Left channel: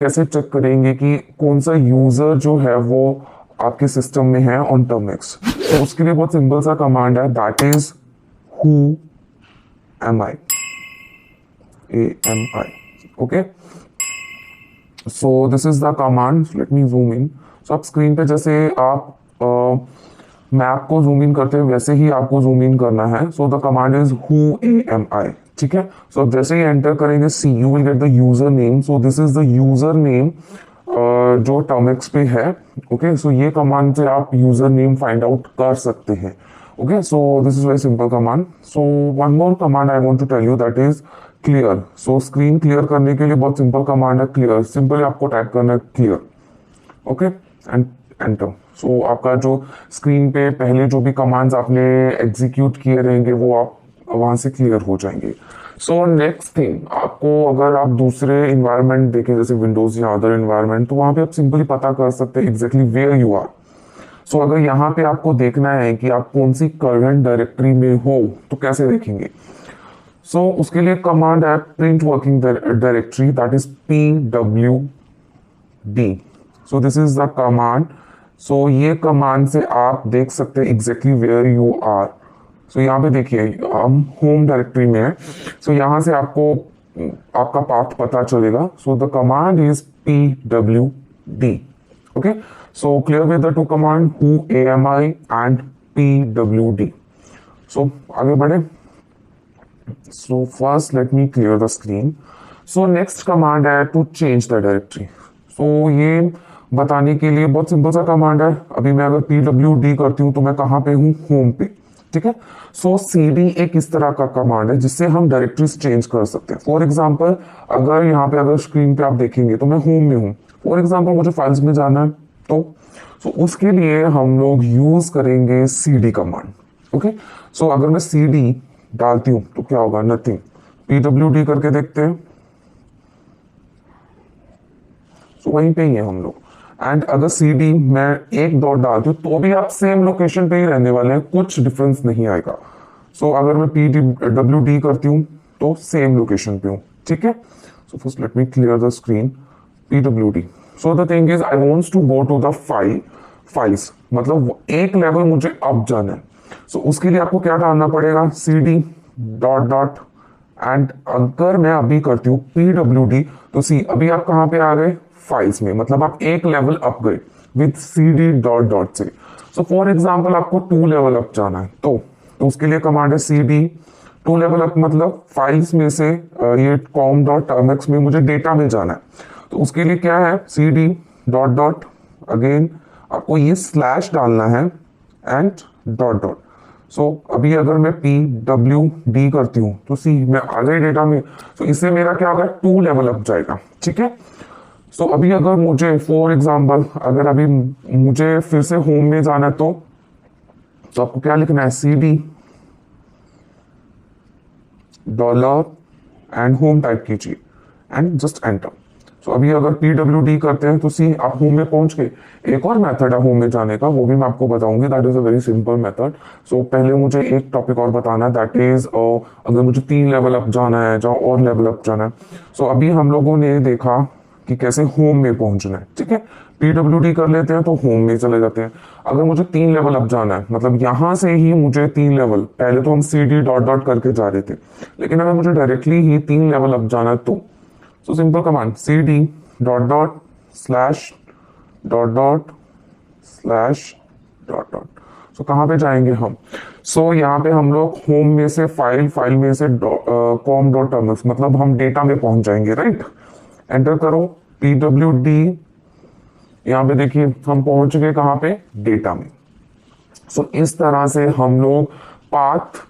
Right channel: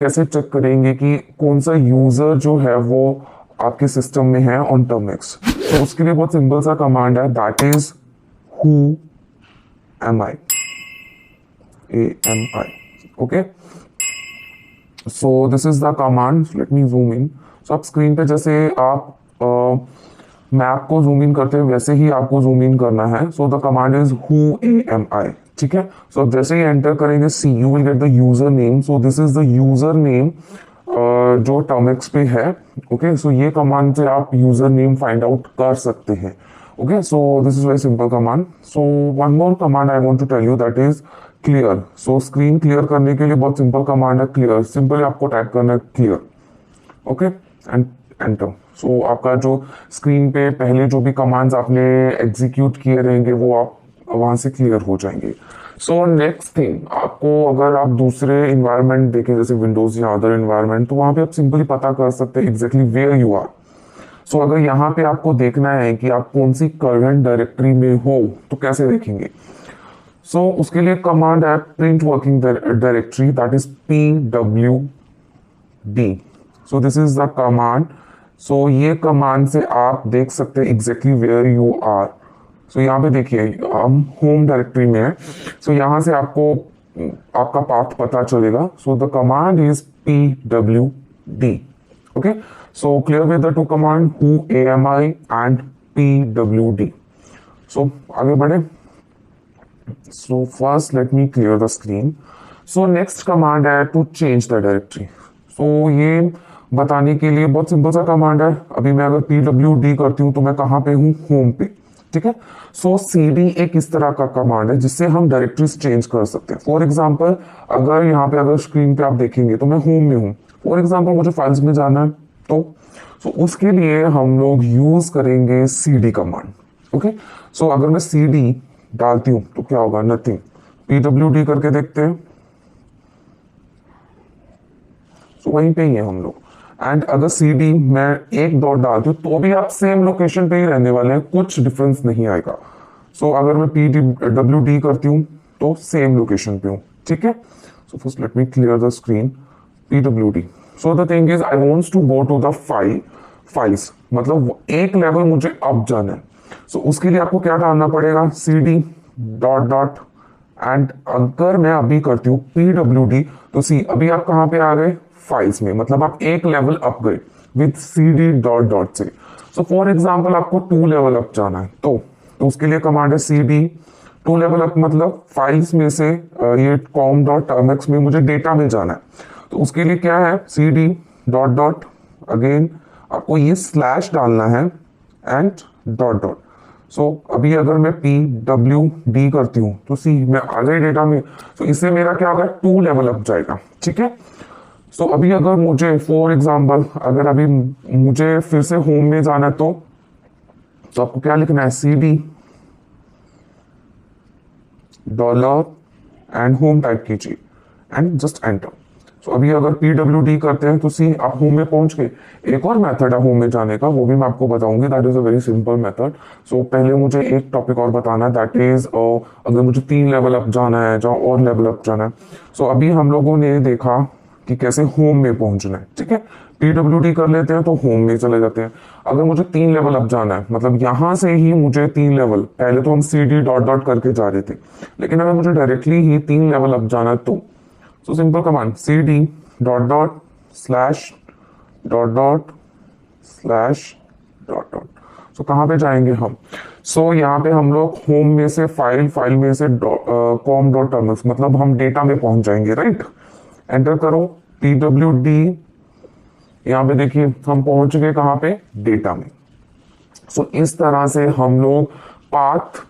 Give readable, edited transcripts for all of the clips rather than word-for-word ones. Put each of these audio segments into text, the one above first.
कैसे चेक करेंगे कि कौन सा यूजर जो है वो आपके सिस्टम में है ऑन टर्मिक्स। तो उसके लिए बहुत सिंपल सा कमांड है, that is who am I, AMI। Okay, so this is the command, let me zoom in. सो आप स्क्रीन पे जैसे आप मैप को जूम इन करते हैं वैसे ही आपको जूम इन करना है। So the command is who AMI। ठीक है, सो अब जैसे ही एंटर करेंगे see, you will get the user name. So this is the user name जो टर्मिक्स पे है। ओके, सो ये कमांड से आप यूजर नेम फाइंड आउट कर सकते हैं। Okay, so this is very simple command. So one more command I want to tell you, that is clear. So screen clear करने के लिए बहुत सिंपल कमांड है क्लियर। सिंपली आपको टाइप करना है clear. Okay, and enter. So आपका जो स्क्रीन पे पहले जो भी कमांड्स आपने एग्जीक्यूट किए रहेंगे वो आप वहां से क्लियर हो जाएंगे। सो नेक्स्ट थिंग, आपको अगर आप दूसरे इन्वायरमेंट देखें जैसे विंडोज या अदर इन्वायरमेंट, तो वहां पे आप सिंपली पता कर सकते हैं एग्जैक्टली वेयर यू आर। सो अगर यहाँ पे आपको देखना है कि आप कौन सी करंट डायरेक्टरी में हो तो कैसे देखेंगे। सो उसके लिए कमांड है print working directory, that is PWD। So this is the command. So ये कमांड से आप देख सकते हैं exactly where you are. So यहाँ पे देखिए हम होम डायरेक्टरी में है। सो यहाँ से आपको आपका पाथ पता चलेगा। सो the command is PWD। Okay, so clear with the two command who AMI and PWD। सो आगे बढ़े। सो first let me clear the screen. So next command है टू चेंज द डायरेक्टरी। सो ये बताने के लिए बहुत सिंपल सा कमांड है। अभी मैं अगर PWD करती हूँ तो मैं कहाँ पे हूँ, होम पे। ठीक है, सो CD एक इस तरह का कमांड है जिससे हम डायरेक्टरीज चेंज कर सकते हैं। फॉर एग्जांपल अगर यहाँ पे अगर स्क्रीन पे आप देखेंगे तो मैं होम में हूँ। फॉर एग्जांपल मुझे फाइल्स में जाना है तो उसके लिए हम लोग यूज करेंगे CD कमांड। ओके, सो अगर मैं CD डालती हूँ तो क्या होगा, नथिंग। PWD करके देखते हैं, तो वहीं पे ही है हम लोग। एंड अगर CD मैं एक डॉट डालती हूँ तो भी आप सेम लोकेशन पे ही रहने वाले हैं, कुछ डिफरेंस नहीं आएगा। सो अगर मैं PWD करती हूँ तो सेम लोकेशन पे हूँ। ठीक है, so first let me clear the screen. PWD। So the thing is I wants to go to the files, मतलब एक लेवल मुझे अप जाना है। सो उसके लिए आपको क्या डालना पड़ेगा, CD डॉट डॉट। एंड अगर मैं अभी करती हूँ PWD तो सी अभी आप कहाँ पे आ गए, फाइल्स में, मतलब आप एक लेवल अप गए विद CD डॉट डॉट से। सो फॉर एग्जांपल आपको 2 लेवल अप जाना है तो उसके लिए कमांड है CD 2 लेवल अप, मतलब फाइल्स में से ये com डॉट टर्मिक्स में मुझे डेटा में जाना है। तो उसके लिए क्या है, CD डॉट डॉट, अगेन आपको ये स्लैश डालना है एंड डॉट डॉट। सो अभी अगर मैं PWD करती हूँ तो सी मैं आ गई डेटा में। सो इससे मेरा क्या होगा, 2 लेवल अप जाएगा। ठीक है, सो अभी अगर मुझे फॉर एग्जांपल अगर अभी मुझे फिर से होम में जाना है तो आपको क्या लिखना है, CD dollar and home type कीजिए एंड जस्ट एंटर। सो अभी अगर PWD करते हैं तो सी आप होम में पहुंच गए। एक और मेथड है होम में जाने का, वो भी मैं आपको बताऊंगी, that is a very simple method. So पहले मुझे एक टॉपिक और बताना है, दैट इज अगर मुझे 3 लेवल अप जाना है या और लेवल अप जाना है। सो अभी हम लोगों ने देखा कि कैसे होम में पहुंचना है। ठीक है, PWD कर लेते हैं तो होम में चले जाते हैं। अगर मुझे 3 लेवल अप जाना है, मतलब यहां से ही मुझे 3 लेवल, पहले तो हम CD डॉट डॉट करके जा रहे थे, लेकिन अगर मुझे डायरेक्टली ही 3 लेवल अप जाना है तो so simple command CD dot dot slash dot dot slash dot dot. So कहाँ पे जाएंगे हम, सो यहाँ पे हम लोग होम में से फाइल में से com डॉट टर्मिक्स, मतलब हम डेटा में पहुंच जाएंगे। राइट, एंटर करो PWD। यहाँ पे देखिए हम पहुंच गए कहाँ पे, डेटा में। सो इस तरह से हम लोग पाथ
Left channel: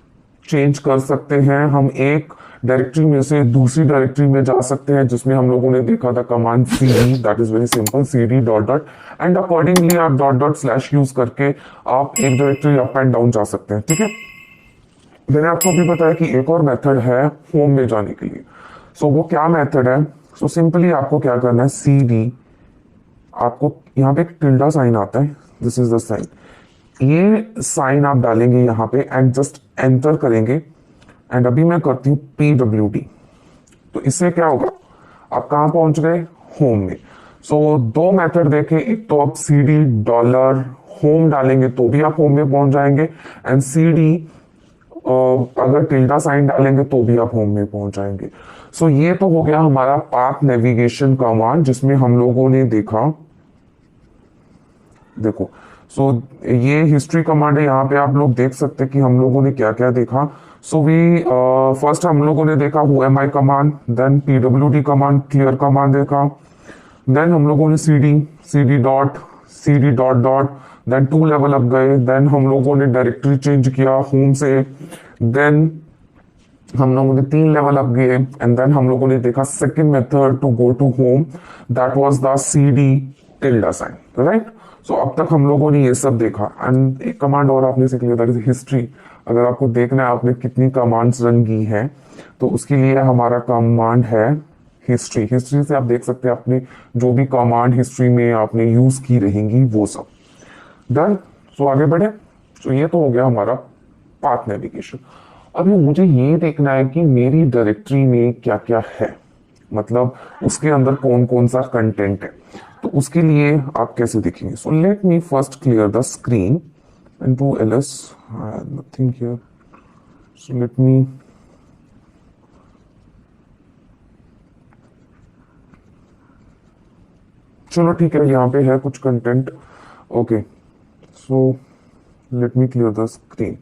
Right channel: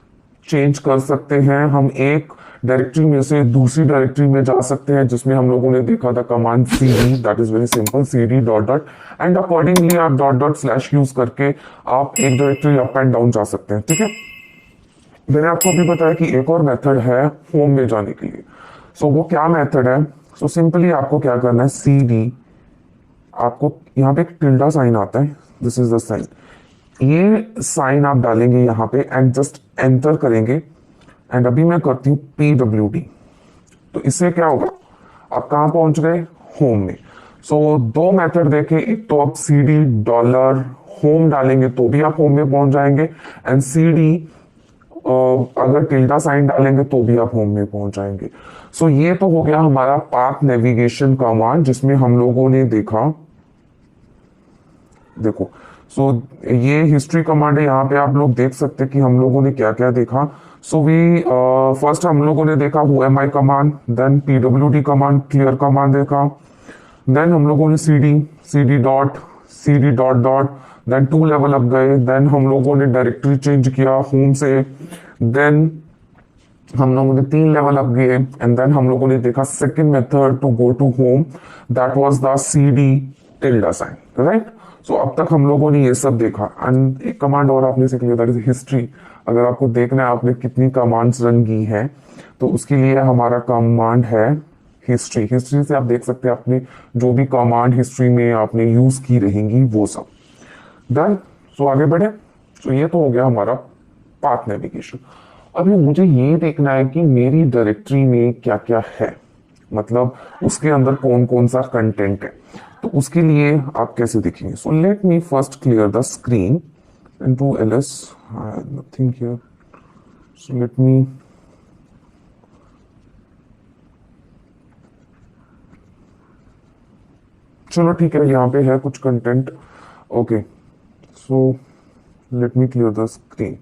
चेंज कर सकते हैं। हम एक डायरेक्टरी में से दूसरी डायरेक्टरी में जा सकते हैं, जिसमें हम लोगों ने देखा था command CD, that is very simple, CD dot dot. And accordingly आप डॉट डॉट स्लैश यूज करके आप एक डायरेक्टरी अप एंड डाउन जा सकते हैं। ठीक है, मैंने आपको अभी बताया कि एक और मेथड है होम में जाने के लिए। सो वो क्या मेथड है, सो सिंपली आपको क्या करना है, CD, आपको यहाँ पे एक टिल्डा साइन आता है, दिस इज द साइन, ये साइन आप डालेंगे यहाँ पे एंड जस्ट एंटर करेंगे। एंड अभी मैं करती हूँ PWD, तो इससे क्या होगा, आप कहाँ पहुंच गए, होम में। सो दो मेथड देखे, एक तो आप cd डॉलर होम डालेंगे तो भी आप होम में पहुंच जाएंगे, एंड cd अगर टिल्डा साइन डालेंगे तो भी आप होम में पहुंच जाएंगे। सो ये तो हो गया हमारा पाथ नेविगेशन कमांड, जिसमें हम लोगों ने देखा, देखो सो ये हिस्ट्री कमांड है। यहाँ पे आप लोग देख सकते हैं कि हम लोगों ने क्या क्या देखा। सो वी फर्स्ट हम लोगों ने देखा who am I command, then pwd command, clear command देखा, देन हम लोगों ने cd dot dot, then two level up गए, देन हम लोगों ने डायरेक्टरी चेंज किया होम से, देन हम लोगों ने 3 लेवल अप गए, एंड देन हम लोगों ने देखा second method to go to home, that was the cd tilde sign, right. So अब तक हम लोगों ने ये सब देखा, एंड एक कमांड और आपने सीख लिया, दैट इज हिस्ट्री। अगर आपको देखना है आपने कितनी कमांड्स रन की हैं, तो उसके लिए हमारा कमांड है हिस्ट्री। हिस्ट्री से आप देख सकते हैं आपने जो भी कमांड हिस्ट्री में आपने यूज की रहेंगी वो सब डन। सो आगे बढ़े। सो ये तो हो गया हमारा पाथ नेविगेशन। अभी मुझे ये देखना है कि मेरी डायरेक्टरी में क्या क्या है, मतलब उसके अंदर कौन कौन सा कंटेंट है। तो उसके लिए आप कैसे देखेंगे। सो let me first clear the screen into ls, nothing here, so let me चलो ठीक है, यहाँ पे है कुछ content. Okay, so let me clear the screen.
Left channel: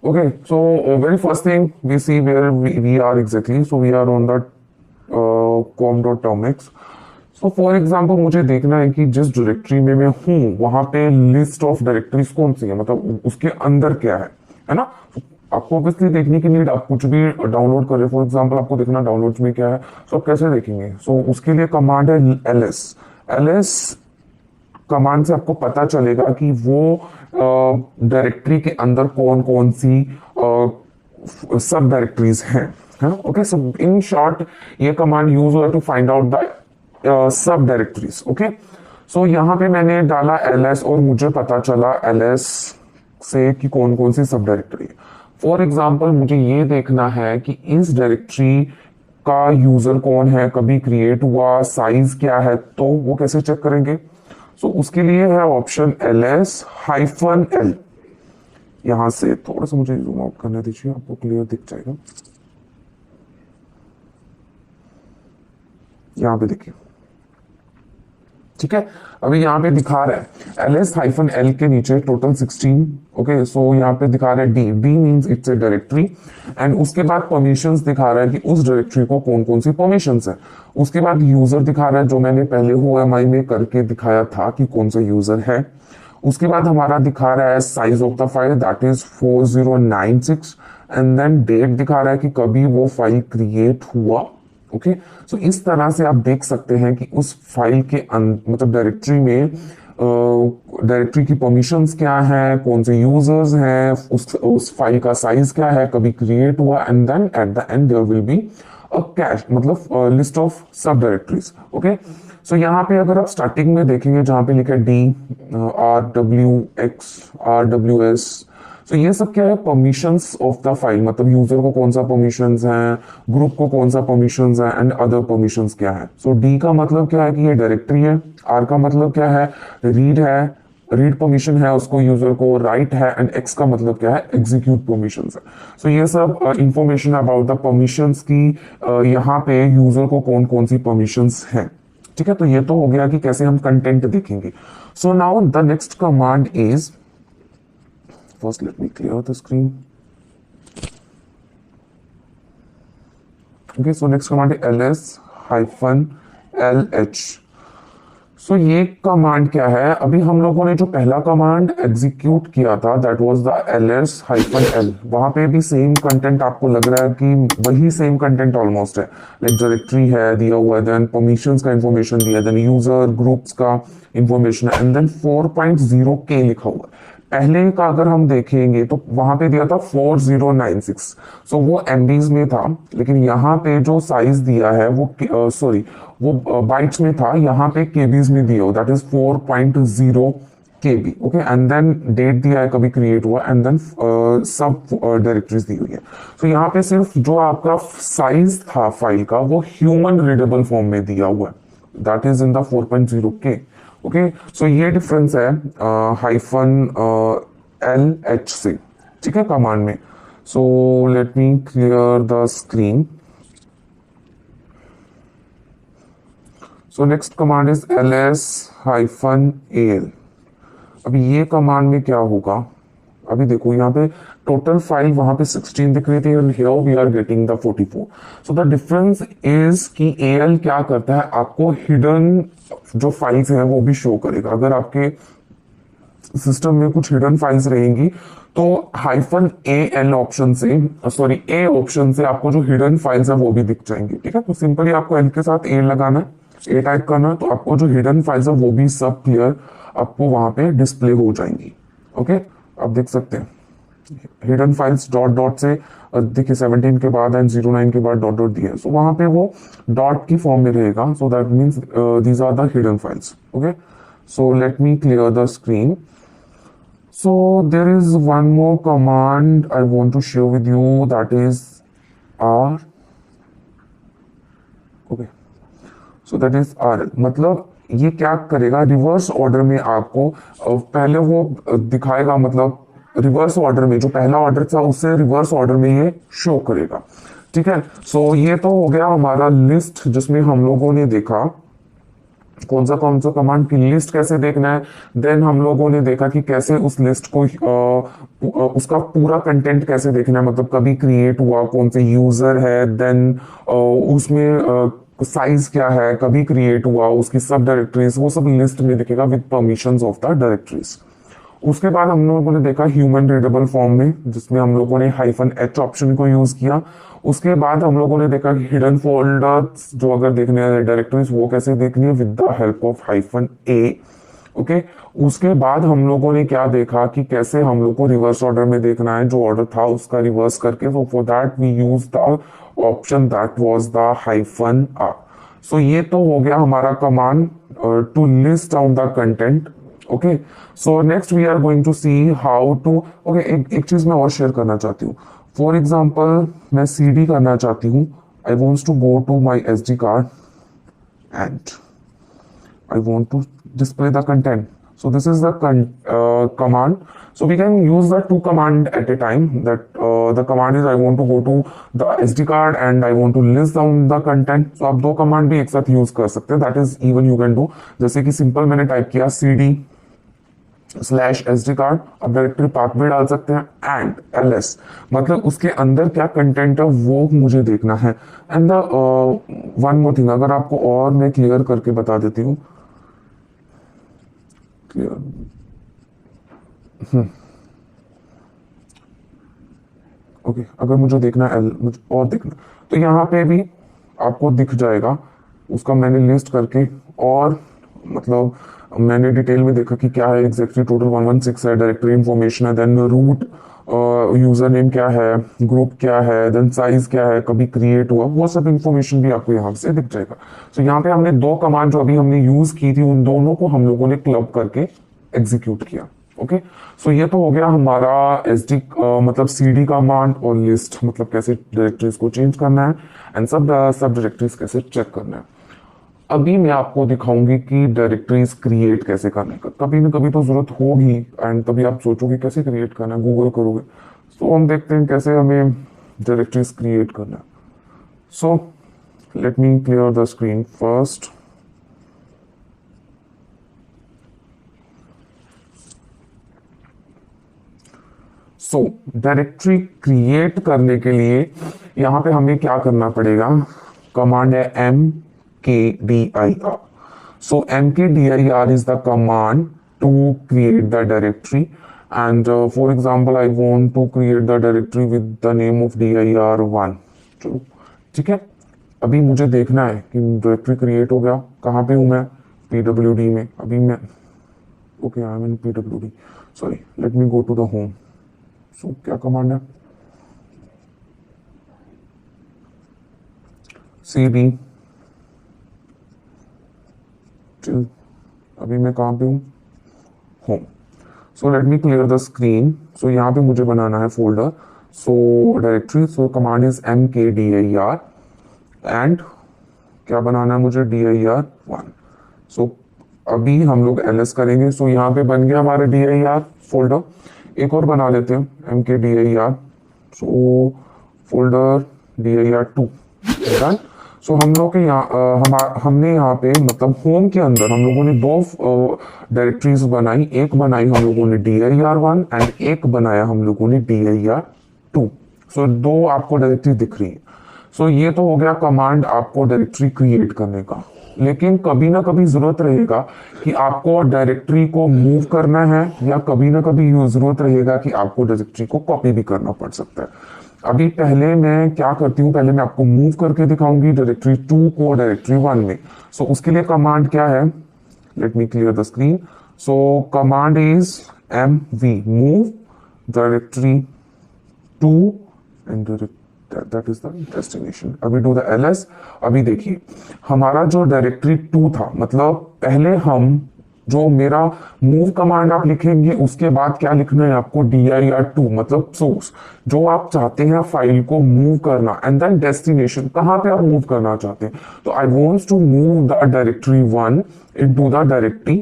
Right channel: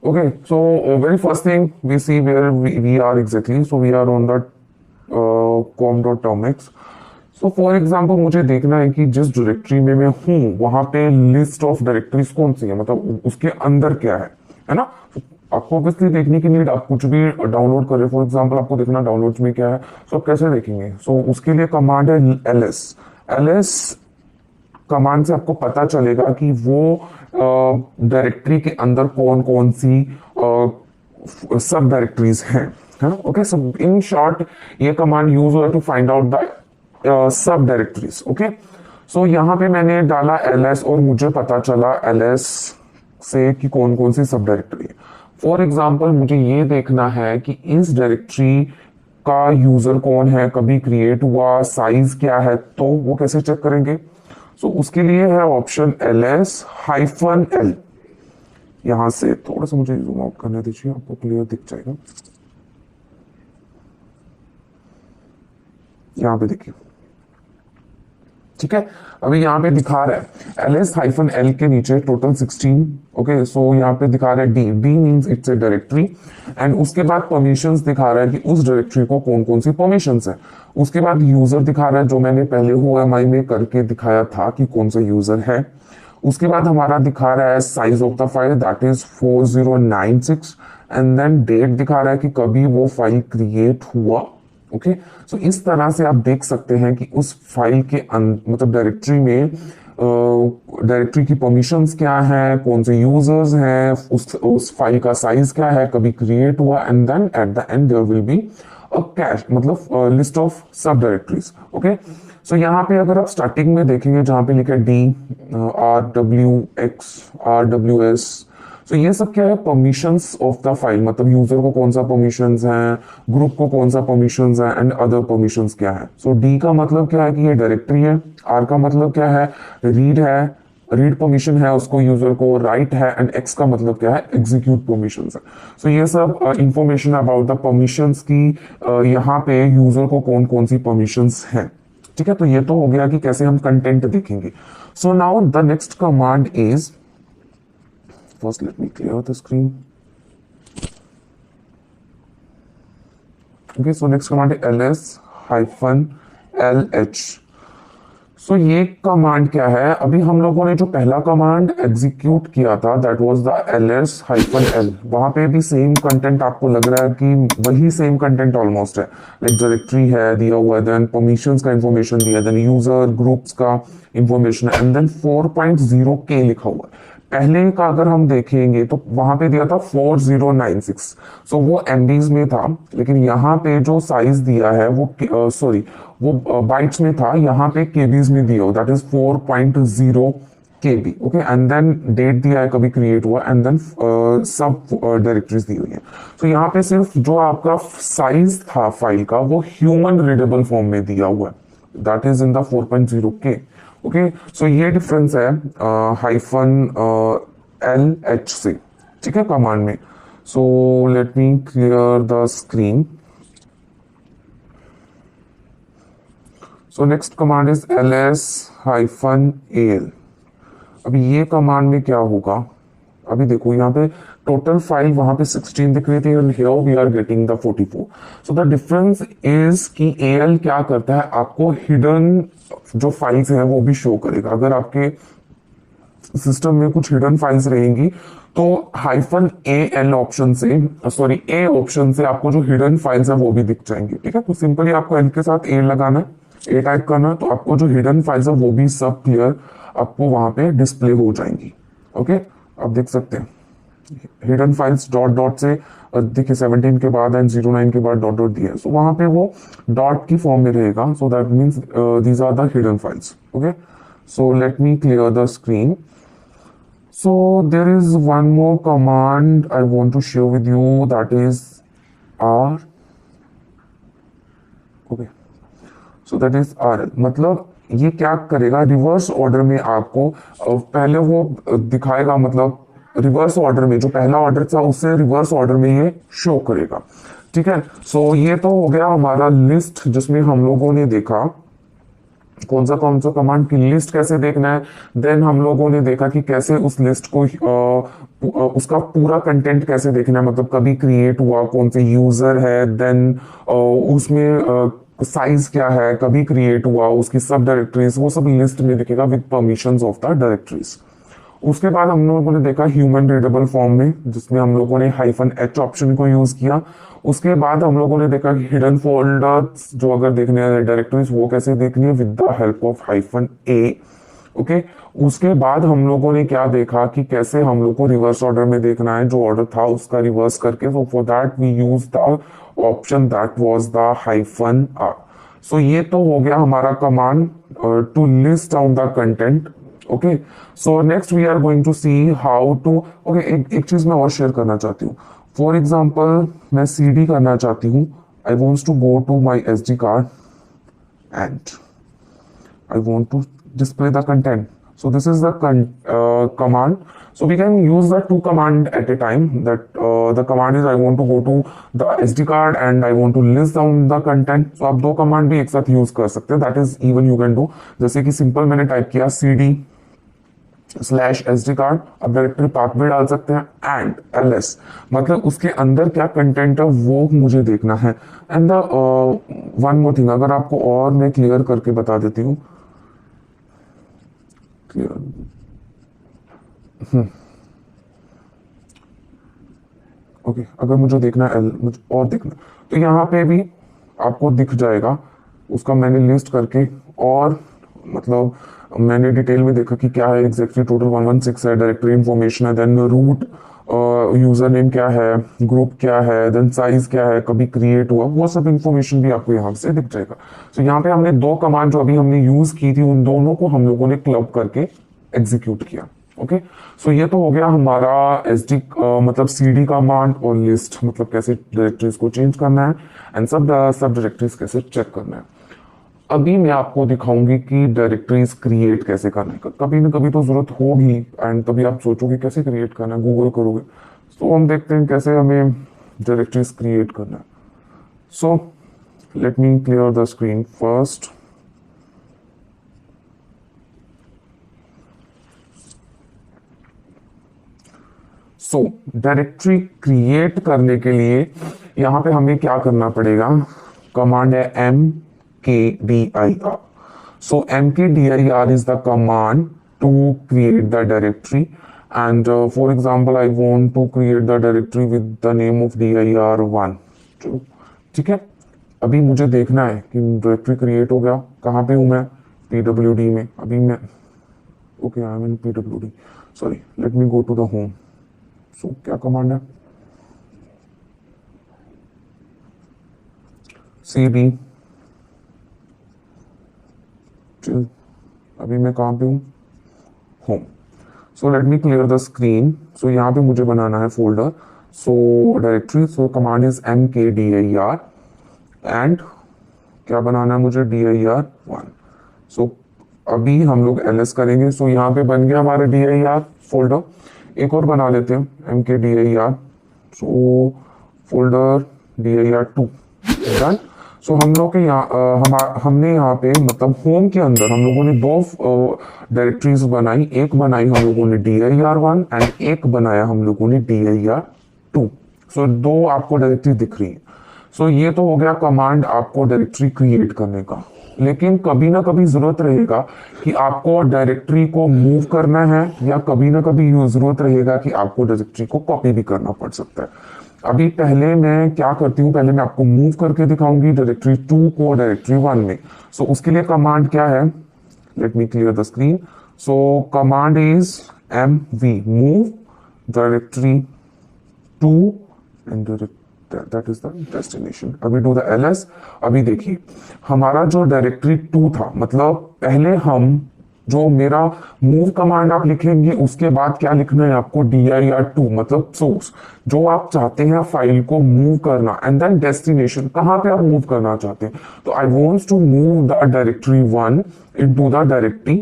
Okay, so very first thing we see where we are exactly. So we are on the com.termx. So for example मुझे देखना है कि जिस डायरेक्टरी में मैं हूँ वहां पे लिस्ट ऑफ डायरेक्टरीज कौन सी है, मतलब उसके अंदर क्या है ना। आपको ऑब्वियसली देखने की नीड, आप कुछ भी डाउनलोड कर रहे हो, फॉर एग्जांपल आपको देखना डाउनलोड में क्या है, सो कैसे देखेंगे। सो उसके लिए कमांड है ls कमांड से आपको पता चलेगा कि वो डायरेक्टरी के अंदर कौन कौन सी सब डायरेक्टरीज हैं। ओके, सो इन शॉर्ट ये कमांड यूज हुआ to find out the subdirectories. Okay, so यहाँ पे मैंने डाला ls और मुझे पता चला ls से कि कौन कौन सी सब डायरेक्टरी है। फॉर एग्जाम्पल मुझे ये देखना है कि इस डायरेक्टरी का यूजर कौन है, कभी क्रिएट हुआ, साइज क्या है, तो वो कैसे चेक करेंगे। सो उसके लिए है ऑप्शन ls-l। यहां से थोड़ा सा मुझे जूम आउट करने दीजिए, आपको क्लियर दिख जाएगा। यहां पे देखिए, ठीक है। अभी यहाँ पे दिखा रहा है ls-l के नीचे टोटल 16। ओके, सो यहाँ पे दिखा रहा है d means it's a directory, and उसके बाद परमिशंस दिखा रहा है कि उस डायरेक्टरी को कौन कौन सी परमिशंस है। उसके बाद यूजर दिखा रहा है, जो मैंने पहले OMI में करके दिखाया था कि कौन सा यूजर है। उसके बाद हमारा दिखा रहा है size of the file, that is 4096, and then date दिखा रहा है कि कभी वो फाइल क्रिएट हुआ। ओके, सो इस तरह से आप देख सकते हैं कि उस फाइल के मतलब डायरेक्टरी में डायरेक्टरी की परमिशंस क्या है, कौन से यूजर्स हैं, उस फाइल का साइज क्या है, कभी क्रिएट हुआ, and then at the end there will be a cache, मतलब list of subdirectories. Okay, so यहाँ पे अगर आप स्टार्टिंग में देखेंगे जहां पे लिखा है d rwx rws, तो ये सब क्या है, परमिशंस ऑफ द फाइल, मतलब यूजर को कौन सा परमिशंस है, ग्रुप को कौन सा परमिशंस है, एंड अदर परमिशंस क्या है। सो डी का मतलब क्या है कि ये डायरेक्टरी है, आर का मतलब क्या है, रीड है, रीड परमिशन है उसको यूजर को, राइट है, एंड एक्स का मतलब क्या है, एग्जीक्यूट परमिशंस है। सो ये सब इंफॉर्मेशन अबाउट द परमिशंस की यहाँ पे यूजर को कौन कौन सी परमिशंस है। ठीक है, तो ये तो हो गया कि कैसे हम कंटेंट देखेंगे। So now the next command is, first let me clear the screen. Okay, so next command is ls-lh। सो ये कमांड क्या है, अभी हम लोगों ने जो पहला कमांड एग्जीक्यूट किया था दैट वाज द ls-l, वहां पे भी सेम कंटेंट आपको लग रहा है कि वही सेम कंटेंट ऑलमोस्ट है, लाइक डायरेक्टरी है दिया हुआ है, देन परमिशंस का इंफॉर्मेशन दिया, देन यूजर ग्रुप्स का इंफॉर्मेशन, एंड देन 4.0k लिखा हुआ है। पहले का अगर हम देखेंगे तो वहां पे दिया था 4096, सो वो MBs में था, लेकिन यहाँ पे जो साइज दिया है वो सॉरी वो बाइट्स में था, यहाँ पे KBs में दिया हो, that is 4.0 KB। Okay, and then date दिया है कभी क्रिएट हुआ, एंड देन सब डायरेक्टरीज दी हुई है। तो यहाँ पे सिर्फ जो आपका साइज था फाइल का वो ह्यूमन रीडेबल फॉर्म में दिया हुआ है, दैट इज इन द 4.0 के। ओके, सो ये डिफरेंस है -LH से, ठीक है, कमांड में। सो let me clear the screen. So next command is ls-al। अभी ये कमांड में क्या होगा, अभी देखो यहाँ पे टोटल फाइल वहां पे 16 दिख रही थी and here we are getting the 44। So the difference is कि एल क्या करता है, आपको हिडन जो फाइल्स है वो भी शो करेगा। अगर आपके सिस्टम में कुछ हिडन फाइल्स रहेंगी तो -AL ऑप्शन से, सॉरी ए ऑप्शन से आपको जो हिडन फाइल्स है वो भी दिख जाएंगे, ठीक है। तो सिंपली आपको एल के साथ ए लगाना है, ए टाइप करना, तो आपको जो हिडन फाइल्स है वो भी सब क्लियर आपको वहां पे डिस्प्ले हो जाएंगी। ओके, आप देख सकते हैं हिडन फाइल्स डॉट डॉट से देखिए 17 के बाद एंड 09 के बाद डॉट डॉट दिए, सो वहां पे वो डॉट की फॉर्म में रहेगा। So that means these are the hidden files. Okay, so let me clear the screen. So there is one more command I want to share with you, that is R. Okay, so that is RL। मतलब ये क्या करेगा, reverse order में आपको पहले वो दिखाएगा, मतलब रिवर्स ऑर्डर में जो पहला ऑर्डर था उससे रिवर्स ऑर्डर में ये शो करेगा, ठीक है। सो ये तो हो गया हमारा लिस्ट, जिसमें हम लोगों ने देखा कौन सा कमांड की लिस्ट कैसे देखना है। देन हम लोगों ने देखा कि कैसे उस लिस्ट को उसका पूरा कंटेंट कैसे देखना है, मतलब कभी क्रिएट हुआ, कौन से यूजर है, देन उसमें साइज क्या है, कभी क्रिएट हुआ, उसकी सब डायरेक्टरीज, वो सब लिस्ट में दिखेगा with permissions of the directories. उसके बाद हम लोगों ने देखा ह्यूमन रीडेबल फॉर्म में, जिसमें हम लोगों ने -H ऑप्शन को यूज किया। उसके बाद हम लोगों ने देखा कि हिडन फोल्डर्स जो अगर देखने हैं डायरेक्टरीज वो कैसे देखनी है with the help of -A। Okay, उसके बाद हम लोगों ने क्या देखा कि कैसे हम लोग को रिवर्स ऑर्डर में देखना है, जो ऑर्डर था उसका रिवर्स करके। So for that we use the option that was the -R। So ये तो हो गया हमारा command to list out the content. Okay, so next we are going to see how to, okay, एक चीज मैं और शेयर करना चाहती हूँ। फॉर एग्जाम्पल मैं CD करना चाहती हूँ, I want to go to my SD card and I want to display the content. So this is the command. So we can use the two command at a time. That the command is I want to go to the SD card and I want to list down the content. So आप दो command भी एक साथ use कर सकते हैं. That is even you can do. जैसे कि simple मैंने टाइप किया CD/SD कार्ड, आप डायरेक्टरी पाथ में डाल सकते हैं एंड LS, मतलब उसके अंदर क्या कंटेंट है वो मुझे देखना है। And the one more thing, अगर आपको और मैं क्लियर करके बता देती हूँ, ओके, अगर मुझे देखना है मुझे और देखना, तो यहाँ पे भी आपको दिख जाएगा उसका मैंने लिस्ट करके, और मतलब मैंने डिटेल में देखा कि क्या है एग्जैक्टली। टोटल 116 है, डायरेक्टरी इंफॉर्मेशन है, देन रूट, यूजर नेम क्या है, ग्रुप क्या है, देन साइज क्या है, कभी क्रिएट हुआ, वो सब इंफॉर्मेशन भी आपको यहाँ से दिख जाएगा। तो यहाँ पे हमने दो कमांड जो अभी हमने यूज की थी, उन दोनों को हम लोगों ने क्लब करके एग्जीक्यूट किया। ओके, सो ये तो हो गया हमारा SD मतलब CD कमांड और लिस्ट, मतलब कैसे डायरेक्टरीज को चेंज करना है एंड सब डायरेक्टरीज कैसे चेक करना है। अभी मैं आपको दिखाऊंगी कि डायरेक्टरीज क्रिएट कैसे करने का, कभी ना कभी तो जरूरत होगी एंड तभी आप सोचोगे कैसे क्रिएट करना है, गूगल करोगे। तो हम देखते हैं कैसे हमें डायरेक्टरीज क्रिएट करना है। सो let me clear the screen first. So directory create करने के लिए यहां पे हमें क्या करना पड़ेगा, कमांड है mkdir। So mkdir is the command to create the directory, and for example I want to create the directory with the name of dir1। चलो ठीक है, अभी मुझे देखना है कि डायरेक्टरी क्रिएट हो गया, कहाँ पे हूँ मैं, pwd में। अभी मैं okay, I am in pwd, sorry, let me go to the home. So क्या कमांड है, cd, अभी मैं कहाँ पे हूँ, home. So let me clear the screen. So यहाँ पे मुझे बनाना है folder, so directory, so command is mkdir and क्या बनाना है मुझे, dir1। सो अभी हम लोग ls करेंगे। सो यहाँ पे बन गया हमारा dir फोल्डर। एक और बना लेते हैं mkdir। सो फोल्डर dir2 डन। सो हम लोग के यहाँ हमने यहाँ पे मतलब होम के अंदर हम लोगों ने दो डायरेक्टरीज बनाई। एक बनाई हम लोगों ने dir1 एंड एक बनाया हम लोगों ने dir2। सो दो आपको डायरेक्टरी दिख रही है। सो ये तो हो गया कमांड आपको डायरेक्टरी क्रिएट करने का। लेकिन कभी ना कभी जरूरत रहेगा कि आपको डायरेक्टरी को मूव करना है, या कभी ना कभी जरूरत रहेगा कि आपको डायरेक्टरी को कॉपी भी करना पड़ सकता है। अभी पहले मैं क्या करती हूँ, पहले मैं आपको मूव करके दिखाऊंगी डायरेक्टरी 2 को डायरेक्टरी 1 में। सो उसके लिए कमांड क्या है, late me clear the screen. So command is mv move directory 2 and that is the destination। अभी do the ls। अभी देखिए हमारा जो डायरेक्टरी 2 था, मतलब पहले हम जो मेरा मूव कमांड आप लिखेंगे उसके बाद क्या लिखना है आपको, dir2 मतलब सोर्स, जो आप चाहते हैं फाइल को मूव करना, एंड देन डेस्टिनेशन, कहाँ पे आप मूव करना चाहते हैं। तो I wants to move the directory 1 into the directory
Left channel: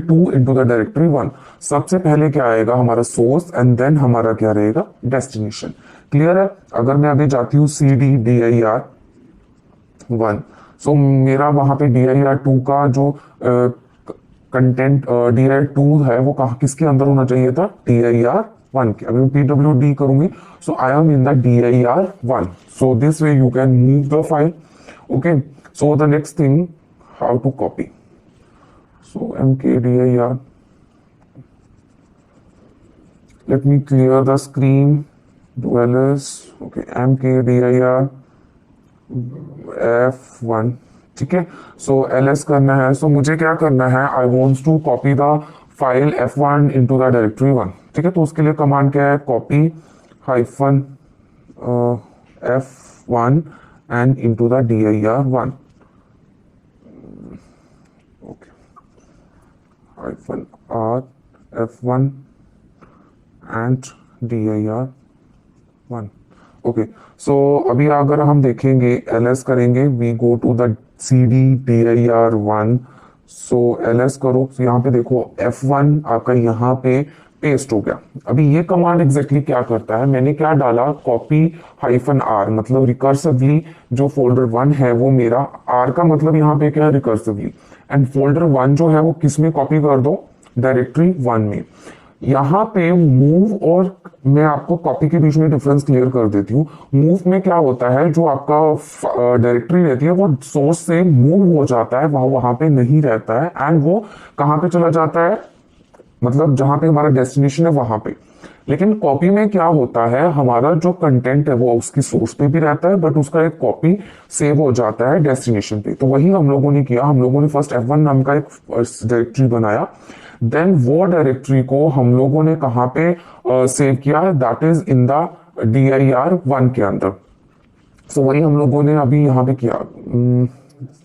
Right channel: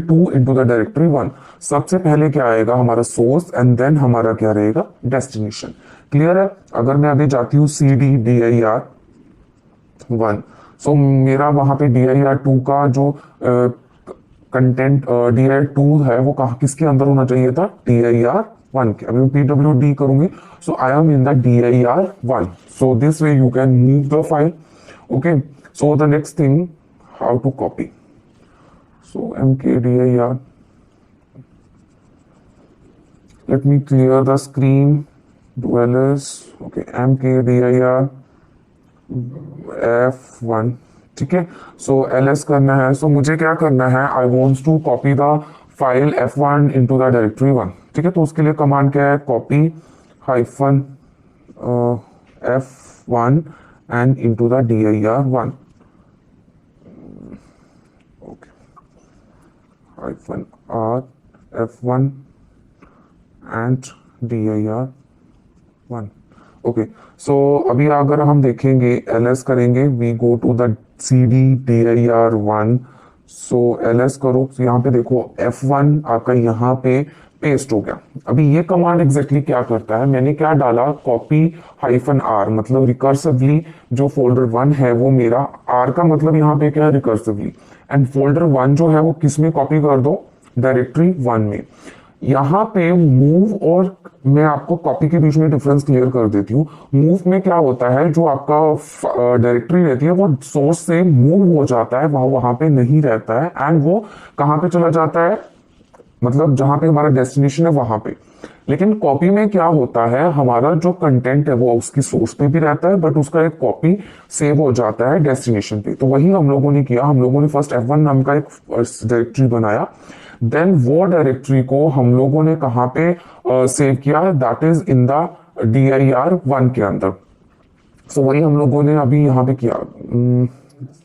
2 into the directory 1। सबसे पहले क्या आएगा हमारा सोर्स, एंड देन हमारा क्या रहेगा, डेस्टिनेशन। क्लियर है। अगर मैं अभी जाती हूँ cd dir1, सो मेरा वहां पे dir2 का जो कंटेंट dir2 है वो कहा किसके अंदर होना चाहिए था, dir1 के। अभी मैं pwd करूंगी, so I am in the dir1। So this way you can move the file. Okay, so the next thing, how to copy. So mkdir, let me clear the screen, do ls। okay, mkdir f1, ठीक है। सो ls करना है। सो मुझे क्या करना है, I wants to copy the file f1 into the directory 1, ठीक है। तो उसके लिए कमांड क्या है, copy hyphen f1 and into the dir1। Okay, hyphen r f1 and dir1। Okay, so अभी अगर हम देखेंगे ls करेंगे, we go to the cd dir1। So ls करो, so यहाँ पे देखो f1 आकर यहाँ पे पेस्ट हो गया। अभी ये कमांड एग्जैक्टली क्या करता है, मैंने क्या डाला, कॉपी हाइफन r, मतलब रिकर्सिवली जो फोल्डर 1 है वो मेरा, r का मतलब यहाँ पे क्या है, रिकर्सिवली, एंड फोल्डर 1 जो है वो किस में कॉपी कर दो, डायरेक्टरी 1 में। यहाँ पे मूव और मैं आपको कॉपी के बीच में डिफरेंस क्लियर कर देती हूँ। मूव में क्या होता है, जो आपका डायरेक्टरी रहती है वो सोर्स से मूव हो जाता है, वहां पे नहीं रहता है, एंड वो कहाँ पे चला जाता है, मतलब जहां पे हमारा डेस्टिनेशन है वहां पे। लेकिन कॉपी में क्या होता है, हमारा जो कंटेंट है वो उसकी सोर्स पे भी रहता है, बट उसका एक कॉपी सेव हो जाता है डेस्टिनेशन पे। तो वही हम लोगों ने किया, हम लोगों ने फर्स्ट f1 नाम का एक डायरेक्टरी बनाया, देन वो डायरेक्टरी को हम लोगों ने कहाँ पे सेव किया, that is in the dir1 के अंदर। सो वही हम लोगों ने अभी यहाँ पे किया,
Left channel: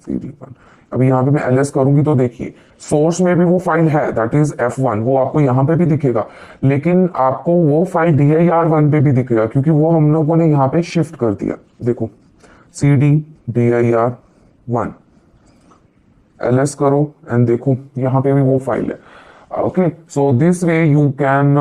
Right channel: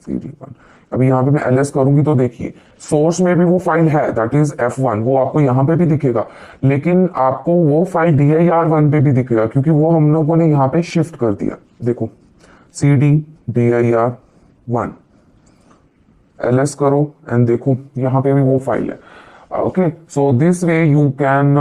cd1। अभी यहाँ पे मैं ls करूंगी तो देखिए सोर्स में भी वो फाइल है, दैट इज f1, वो आपको यहाँ पे भी दिखेगा, लेकिन आपको वो फाइल dir1 पे भी दिखेगा, क्योंकि वो हम लोगों ने यहाँ पे शिफ्ट कर दिया। देखो cd dir1, ls करो एंड देखो यहाँ पे भी वो फाइल है। Okay, so this way you can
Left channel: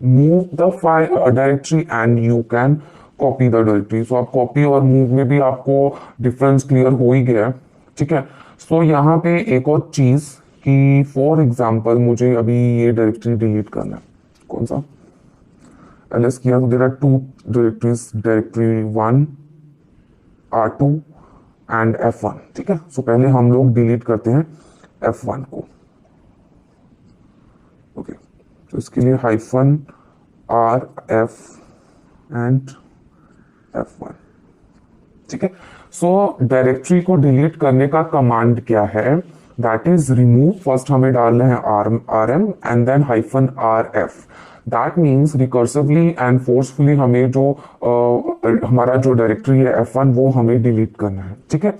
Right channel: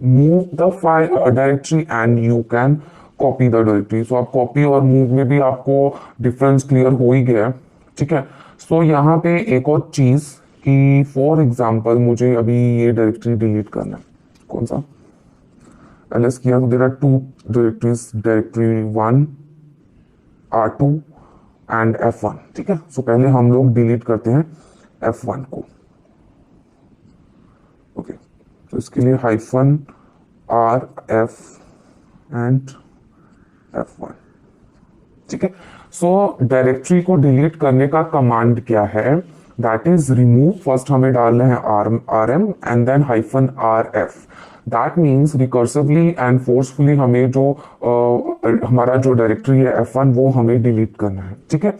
move the file or directory and you can copy the directory। so आप copy और move में भी आपको डिफरेंस क्लियर हो ही गया, ठीक है। सो यहाँ पे एक और चीज कि फॉर एग्जांपल मुझे अभी ये डायरेक्टरी डिलीट करना है, कौन सा, ls किया तो there are 2 directories, directory 1 r2 and f1, ठीक है। सो पहले हम लोग डिलीट करते हैं f1 को। ओके, तो इसके लिए hyphen r f and f1, ठीक है। सो डायरेक्टरी को डिलीट करने का कमांड क्या है, दैट इज रिमूव, फर्स्ट हमें डालना है rm and then hyphen rf। That means recursively and forcefully हमें जो हमारा जो डायरेक्टरी है f1 वो हमें डिलीट करना है, ठीक है।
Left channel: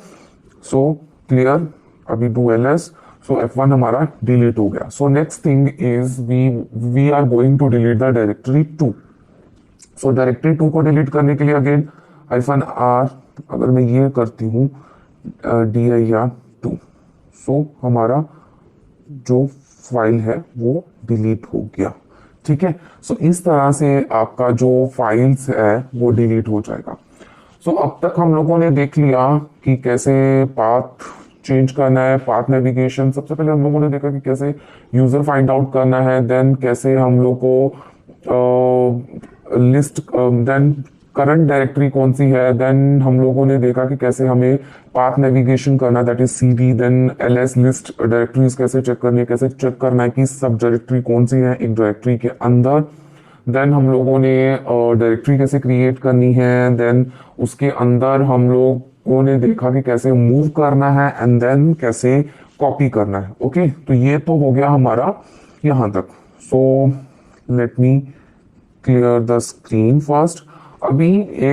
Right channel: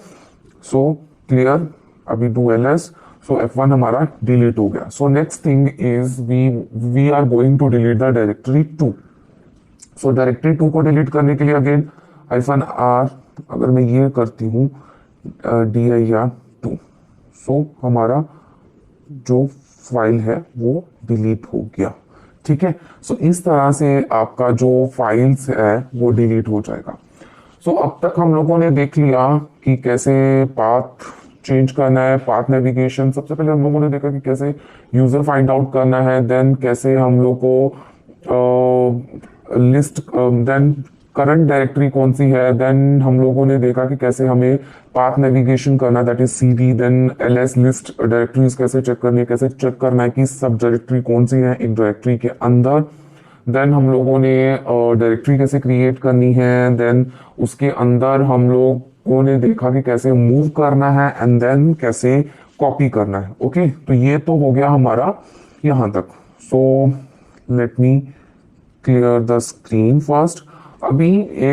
सो क्लियर, अभी डू ls। सो f1 हमारा डिलीट हो गया। So next thing is we are going to delete the directory 2। So directory 2 को डिलीट करने के लिए अगेन हाइफन r अगर मैं ये करती हूँ dir2, सो हमारा जो फाइल है वो डिलीट हो गया। ठीक है, सो इस तरह से आपका जो फाइल्स है वो डिलीट हो जाएगा। सो अब तक हम लोगों ने देख लिया कि कैसे पाथ चेंज करना है, पाथ नेविगेशन। सबसे पहले हम लोगों ने देखा कि कैसे यूजर फाइंड आउट करना है, देन कैसे हम लोग को लिस्ट, देन करंट डायरेक्टरी कौन सी है, देन हम लोगों ने देखा कि कैसे हमें पाथ नेविगेशन करना, that is cd, then ls list directories कैसे चेक करनी है, कैसे चेक करना है कि सब डायरेक्टरी कौन सी है एक डायरेक्टरी के अंदर। देन हम लोगों ने डायरेक्टरी कैसे क्रिएट करनी है, देन उसके अंदर हम लोगों ने देखा कि कैसे मूव करना है, एंड देन कैसे कॉपी करना है। ओके, तो ये तो हो गया हमारा यहाँ तक। सो let me clear the screen first. अभी एक